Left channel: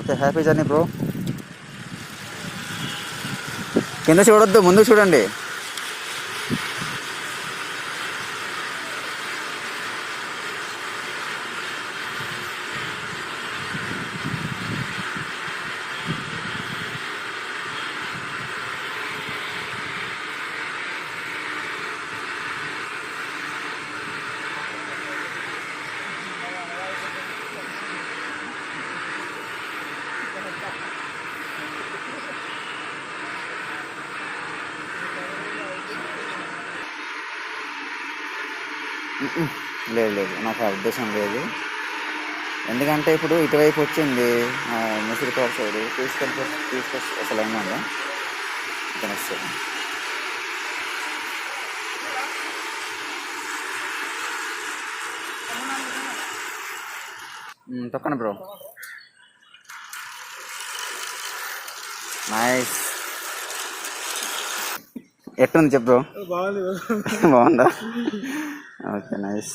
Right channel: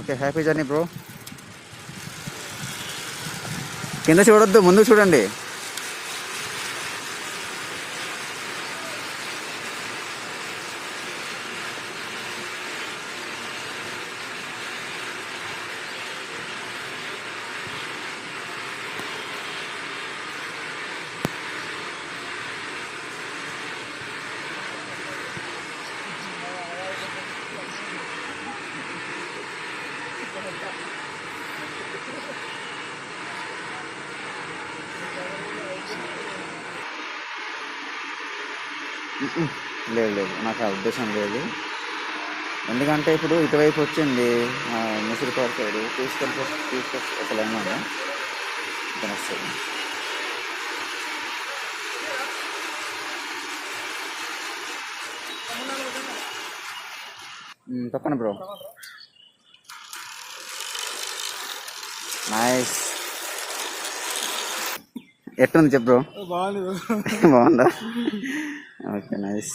Okay, happy journey bro. కింద చూడొద్దు, ముందు చూడండి. లేదు లేదు, నాకు ఆ ఉద్దేశం లేదు. ఎందుకంటే ఇప్పుడు ఇటువైపు వచ్చింది ముసిరిపాడు సైడ్ తీసుకొచ్చి ఒక లైన్ ఉందా ఇతను వస్తుంది. తప్పండి బ్రో. నైస్. ఎట్టుంది చెప్పు బ్రో. బాగుందా? Okay, nice.